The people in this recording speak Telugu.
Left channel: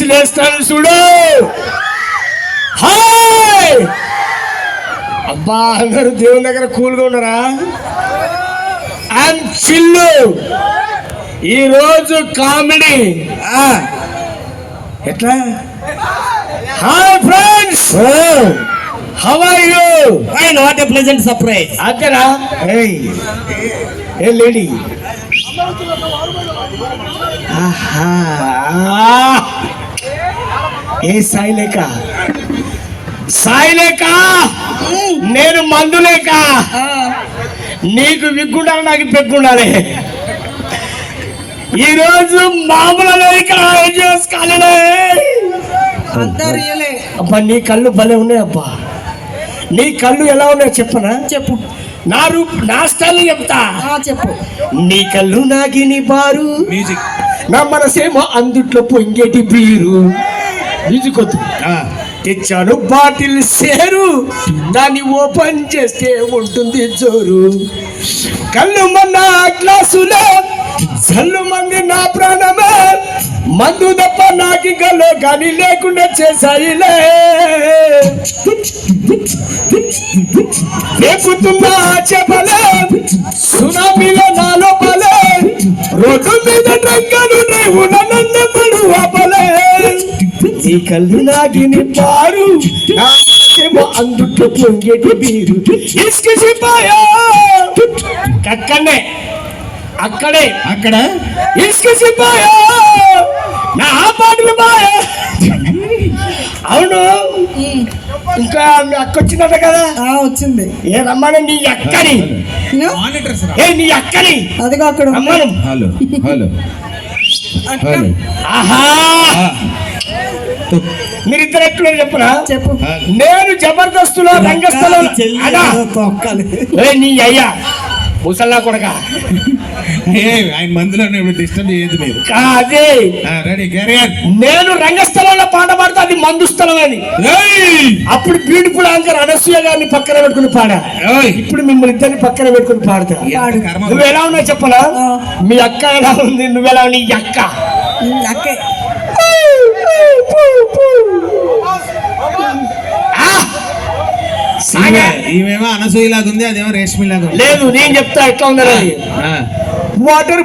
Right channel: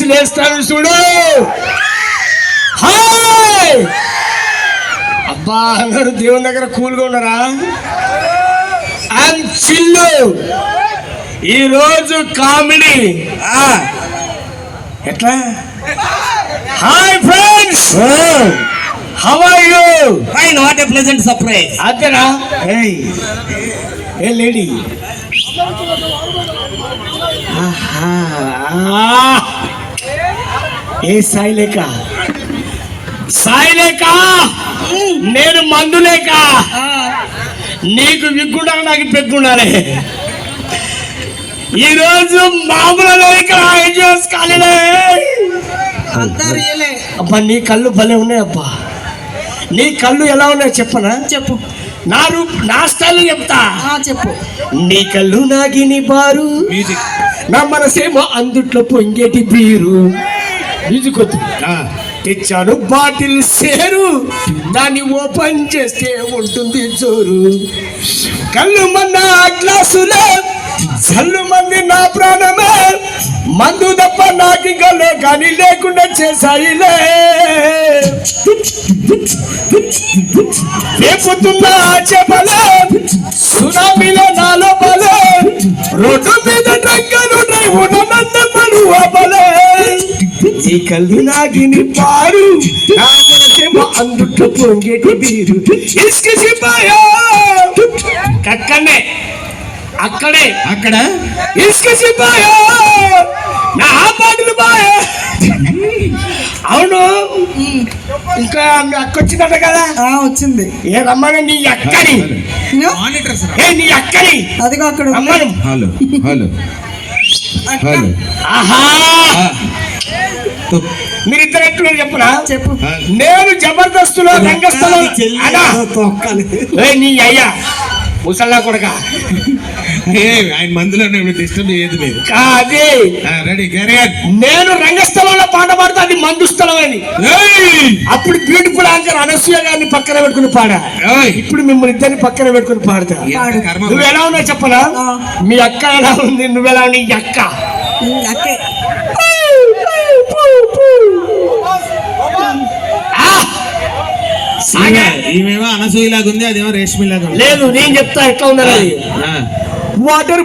విసిలేస్తాను చూడు. హాయ్ అబ్బా, అందరూ దేవుని దగ్గర కూల్గా ఉన్నారా? అండ్ చిల్లు. ఈరోజు కామెడీ ఎట్లా? Hi friends, how are you? Fine, what a pleasant surprise. అదేనా? ఏ లేడీ, ఏ సాయిలేక సాయిలేక, నేను మందులేక, నీకు విగ్గుండాలి నాకు పెగ్గుండాలి. ఈరోజు మామూలు అబ్బా, నీ కళ్ళు భలే ఉన్నాయి అబ్బా. నీ కళ్ళు ఎలా ఉన్నాయో చెప్పనా? చెప్పు. నా స్టైల్ చెప్తా. చెప్పు. నీ కళ్ళు నాగిని బారు, నా మనసేమో అందుట్లో పొంగేటి బీరు. మ్యూజిక్ వద్దు. తెచ్చాను బాటిల్ సేరు, దాన్ని ఓపెన్ చేస్తే ఉంటుంది జోరు. కళ్ళు మన్న గ్లాసులో జల్లు మంది నా ప్రాణమే, మందు తప్ప నాకు గలో కానీ లేకుండా చేశాయిలే. రేపుతున్నా చెప్పలే, సునామీలో నాలో పలే, రోడ్డు మీద టంకను నన్ను అపలే. ఈ కళ్ళు నాగిని పారు, నా మనసేమో అందుట్లో పొంగేటి బీరు. ఇసుకసిపోయా అక్కడే అక్కడ ఇసుకసిపోయా నా పాటలు బాయా. అవును, ఇంకా మీ అక్క వచ్చిందట కదా? వచ్చింది. ఏ రమ్మని నీ అక్కని, నీ అక్కని అదిగో అక్కడ రమ్మను. Hello hello hello. ఆహా, మీరిద్దరు ఎట్లా చెప్పరా? చెప్పు. నేను జబర్దస్తులో రంగస్థలం నీ అయ్యా ముసల్లా కొడక, ఆయన మందులో నేను డిస్టర్బ్ చేయదు లేదు. అదే రెడీ. నేను రంగస్థలంలో పాట పాడితే అది మందు స్థలం అని. అప్పుడు బ్యూటిఫుల్ ఆన్సర్ అనసూయ గారిని పక్కన పెట్టుకుని పాడా. ఇప్పుడు మిమ్మల్ని ఇద్దరిని పక్కన పెట్టుకుని పాడతా. నువ్వు ఎలా ఉన్నావు చెప్పనా? మీ అక్క ఎలా ఉంది, నువ్వెలా నీ అక్క? ఈమెమో అనసూయలాగా ఉంది, అదేమో రేష్మిలాగా ఉంది. లేదు, నేను చెప్తా ఎట్లా ఉన్నది. వాటర్